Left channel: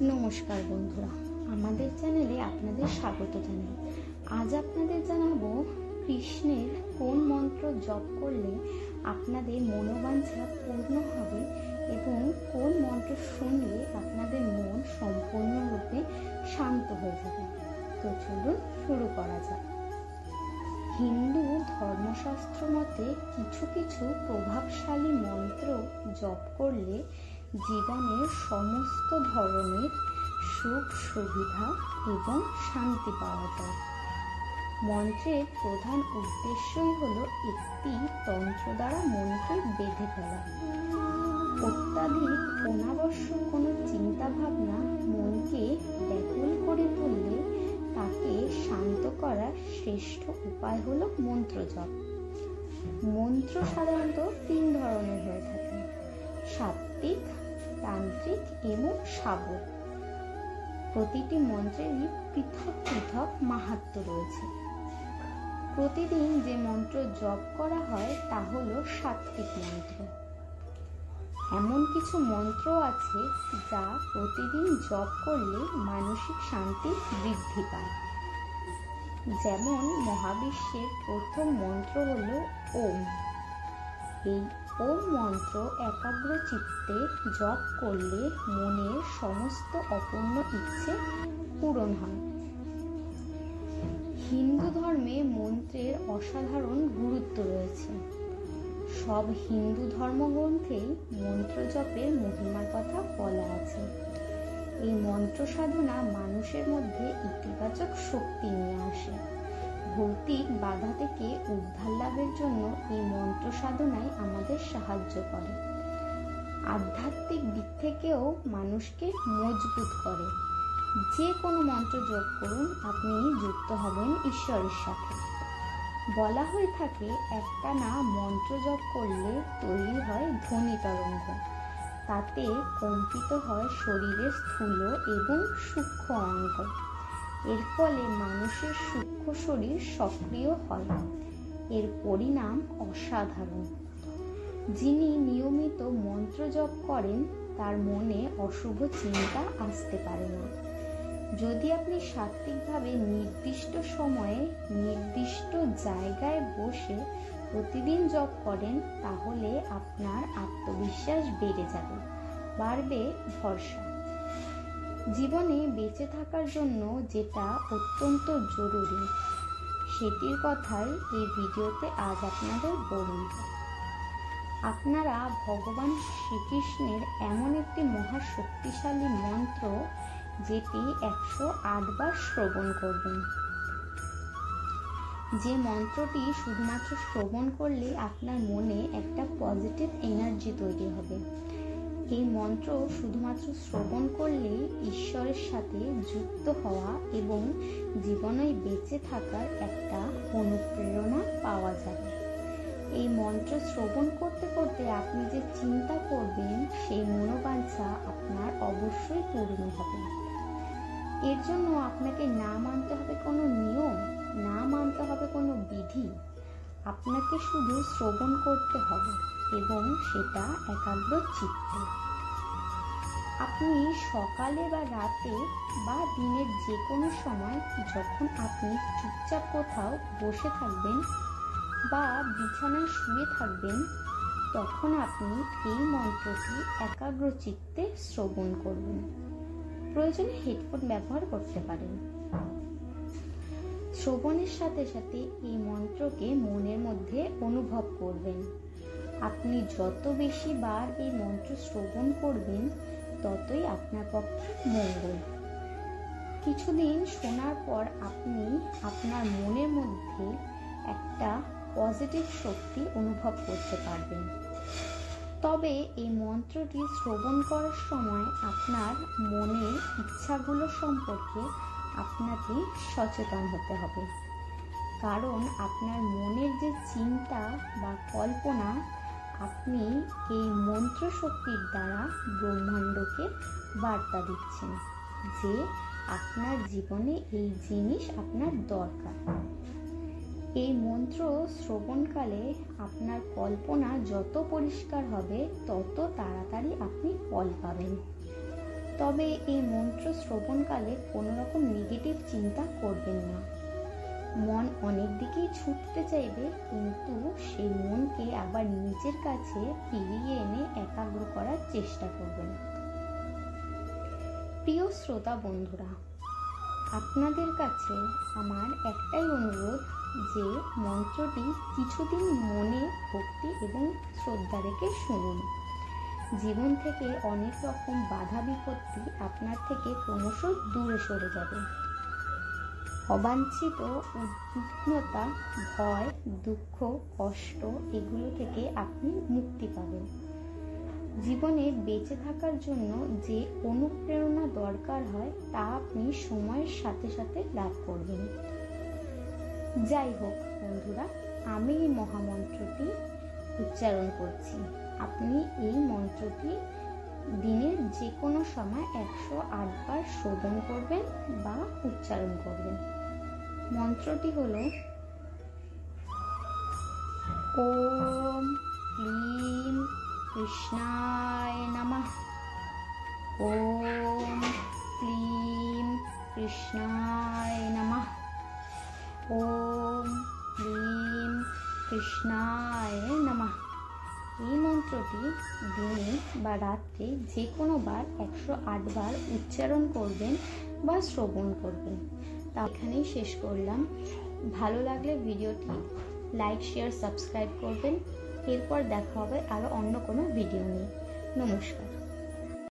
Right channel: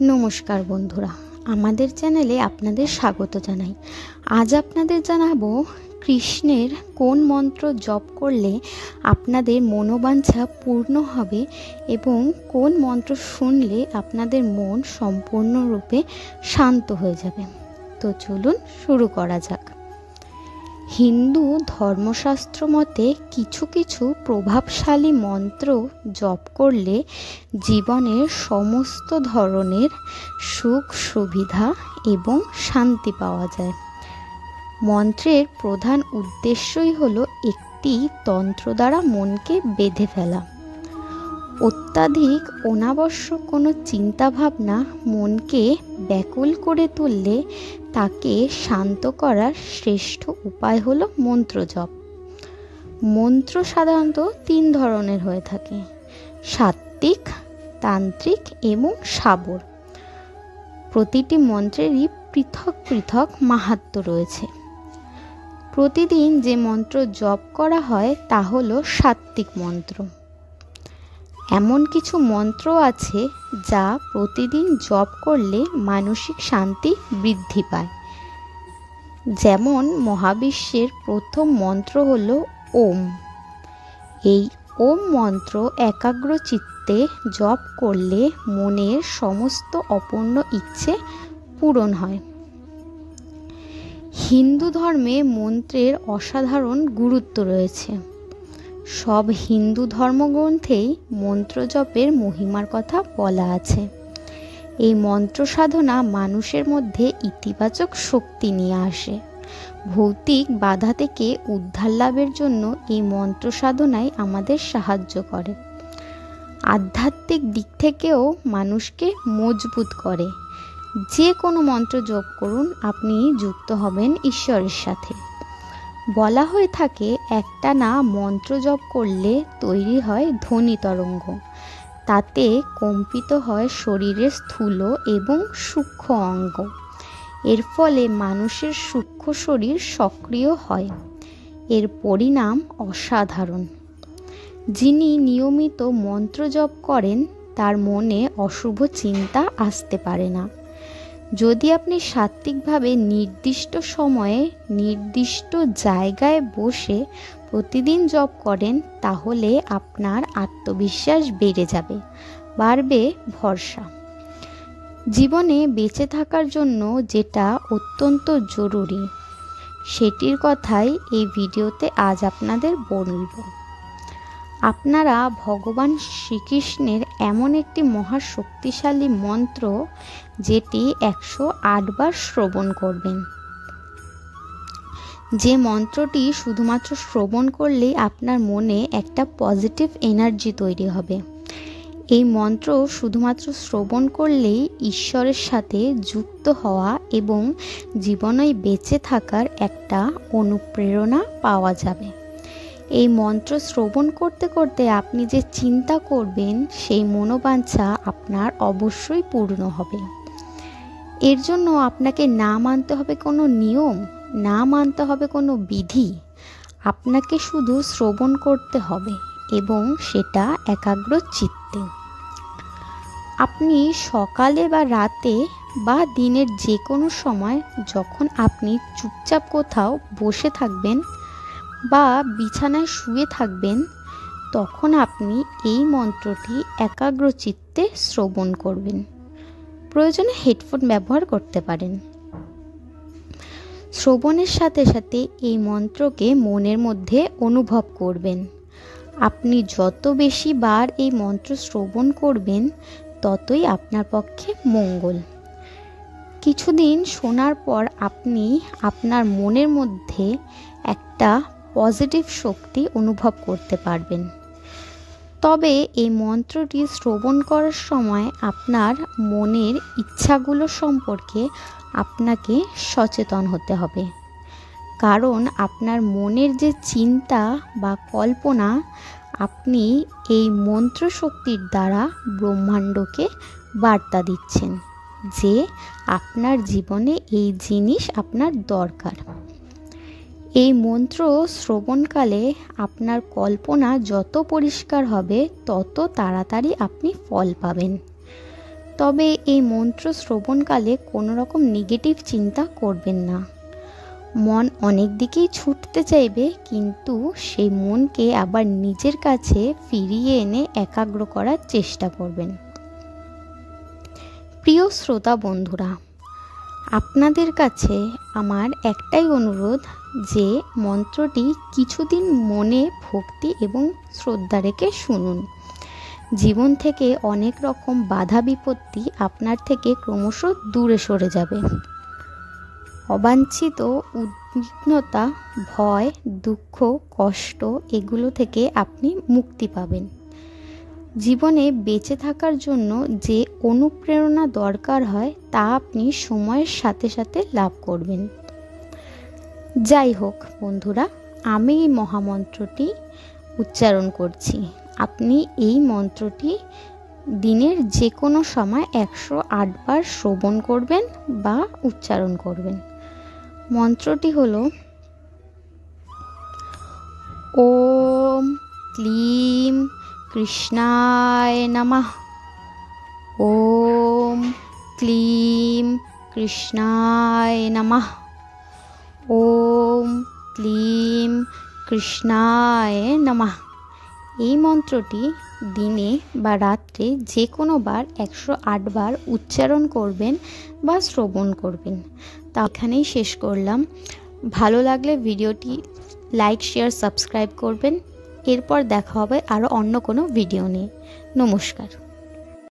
নমস্কার বন্ধুরা, আমাদের চ্যানেলে আপনাদের স্বাগত জানাই। আজ আপনাদের জানাবো কৃষ্ণের কোন মন্ত্র জপ করলে আপনাদের মনোবাঞ্ছা পূর্ণ হবে এবং কোন মন্ত্র শুনলে আপনাদের মন সম্পূর্ণরূপে শান্ত হয়ে যাবে। তো চলুন শুরু করা যাক। হিন্দু ধর্মশাস্ত্র মতে কিছু কিছু প্রভাবশালী মন্ত্র জপ করলে জীবনের সমস্ত ধরনের সুখ সুবিধা এবং শান্তি পাওয়া যায়। মন্ত্রের প্রধান উদ্দেশ্যই হলো একটি তন্ত্র দ্বারা মনকে বেঁধে ফেলা। অত্যাধিক অনাবশ্যক কোনো চিন্তাভাবনা মনকে ব্যাকুল করে তুললে তাকে শান্ত করার শ্রেষ্ঠ উপায় হলো মন্ত্র জপ। মন্ত্র সাধারণত 3 ধরনের হয়ে থাকে: সাত্ত্বিক, তান্ত্রিক এবং শাবর। প্রতিটি মন্ত্রেরই পৃথক পৃথক মাহাত্ম্য রয়েছে। প্রতিদিন যে মন্ত্র জপ করা হয় তা হলো সাত্ত্বিক মন্ত্র। এমন কিছু মন্ত্র আছে যা প্রতিদিন জপ করলে মানসিক শান্তি বৃদ্ধি পায়। যেমন মহাবিশ্বের প্রথম মন্ত্র হলো ওম। এই ওম মন্ত্র একাগ্র চিত্তে জপ করলে মনের সমস্ত অপূর্ণ ইচ্ছে পূরণ হয়। হিন্দু ধর্মে মন্ত্রের অসাধারণ গুরুত্ব রয়েছে। সব হিন্দু ধর্মগ্রন্থেই মন্ত্র জপের মহিমার কথা বলা আছে। এই মন্ত্র সাধনা মানুষের মধ্যে ইতিবাচক শক্তি নিয়ে আসে। ভৌতিক বাধা থেকে উদ্ধার লাভের জন্য এই মন্ত্র সাধনাই আমাদের সাহায্য করে। আধ্যাত্মিক দিক থেকেও মানুষকে মজবুত করে। যে কোনো মন্ত্র জপ করুন, আপনি যুক্ত হবেন ঈশ্বরের সাথে। বলা হয়ে থাকে একটানা মন্ত্র জপ করলে তৈরি হয় ধ্বনি তরঙ্গ। তাতে কম্পিত হয় শরীরের স্থূল এবং সূক্ষ্ম অঙ্গ। এর ফলে মানুষের সূক্ষ্ম শরীর সক্রিয় হয়। এর পরিণাম অসাধারণ। যিনি নিয়মিত মন্ত্র জপ করেন তার মনে অশুভ চিন্তা আসতে পারে না। যদি আপনি সাত্ত্বিকভাবে নির্দিষ্ট সময়ে নির্দিষ্ট জায়গায় বসে প্রতিদিন জপ করেন তাহলে আপনার আত্মবিশ্বাস বেড়ে যাবে, বাড়বে ভরসা। জীবনে বেঁচে থাকার জন্য যেটা অত্যন্ত জরুরি সেটির কথাই এই ভিডিওতে আজ আপনাদের বলব। আপনারা ভগবান শ্রীকৃষ্ণের এমন একটি মহাশক্তিশালী মন্ত্র যেটি 108 বার শ্রবণ করবেন। যে মন্ত্রটি শুধুমাত্র শ্রবণ করলেই আপনার মনে একটা পজিটিভ এনার্জি তৈরি হবে। এই মন্ত্র শুধুমাত্র শ্রবণ করলেই ঈশ্বরের সাথে যুক্ত হওয়া এবং জীবনে বেঁচে থাকার একটা অনুপ্রেরণা পাওয়া যাবে। এই মন্ত্র শ্রবণ করতে করতে আপনি যে চিন্তা করবেন সেই মনোবাঞ্ছা আপনার অবশ্যই পূর্ণ হবে। এর জন্য আপনাকে না মানতে হবে কোনো নিয়ম, না মানতে হবে কোনো বিধি। আপনাকে শুধু শ্রবণ করতে হবে এবং সেটা একাগ্র চিত্তে। আপনি সকালে বা রাতে বা দিনের যে কোনো সময় যখন আপনি চুপচাপ কোথাও বসে থাকবেন বা বিছানায় শুয়ে থাকবেন তখন আপনি এই মন্ত্রটি একাগ্র চিত্তে শ্রবণ করবেন। প্রয়োজনে হেডফোন ব্যবহার করতে পারেন। শ্রবণের সাথে সাথে এই মন্ত্রকে মনের মধ্যে অনুভব করবেন। আপনি যত বেশি বার এই মন্ত্র শ্রবণ করবেন ততই আপনার পক্ষে মঙ্গল। কিছুদিন শোনার পর আপনি আপনার মনের মধ্যে একটা পজিটিভ শক্তি অনুভব করতে পারবেন। তবে এই মন্ত্রটি শ্রবণ করার সময় আপনার মনের ইচ্ছাগুলো সম্পর্কে আপনাকে সচেতন হতে হবে। কারণ আপনার মনের যে চিন্তা বা কল্পনা, আপনি এই মন্ত্র শক্তির দ্বারা ব্রহ্মাণ্ডকে বার্তা দিচ্ছেন যে আপনার জীবনে এই জিনিস আপনার দরকার। এই মন্ত্র শ্রবণকালে আপনার কল্পনা যত পরিষ্কার হবে তত তাড়াতাড়ি আপনি ফল পাবেন। তবে এই মন্ত্র শ্রবণকালে কোনো রকম নেগেটিভ চিন্তা করবেন না। মন অনেক দিকেই ছুটতে চাইবে, কিন্তু সেই মনকে আবার নিজের কাছে ফিরিয়ে এনে একাগ্র করার চেষ্টা করবেন। প্রিয় শ্রোতা বন্ধুরা, আপনাদের কাছে আমার একটাই অনুরোধ যে মন্ত্রটি কিছুদিন মনে ভক্তি এবং শ্রদ্ধা রেখে শুনুন। জীবন থেকে অনেক রকম বাধা বিপত্তি আপনার থেকে ক্রমশ দূরে সরে যাবে। অবাঞ্ছিত উদ্বিগ্নতা, ভয়, দুঃখ, কষ্ট এগুলো থেকে আপনি মুক্তি পাবেন। জীবনে বেঁচে থাকার জন্য যে অনুপ্রেরণা দরকার হয় তা আপনি সময়ের সাথে সাথে লাভ করবেন। যাই হোক বন্ধুরা, আমি এই মহামন্ত্রটি উচ্চারণ করছি। আপনি এই মন্ত্রটি দিনের যে কোনো সময় 108 বার শ্রবণ করবেন বা উচ্চারণ করবেন। মন্ত্রটি হলো ওম ক্লিম কৃষ্ণায় নমঃ। ওম ক্লিম কৃষ্ণায় নমঃ। ওম ক্লিম কৃষ্ণায় নমঃ। এই মন্ত্রটি দিনে বা রাত্রে যে কোনো বার 108 বার উচ্চারণ করবেন বা শ্রবণ করবেন। তা এখানেই শেষ করলাম। ভালো লাগলে ভিডিওটি লাইক, শেয়ার, সাবস্ক্রাইব করবেন। এরপর দেখা হবে আরও অন্য কোনো ভিডিও নিয়ে। নমস্কার।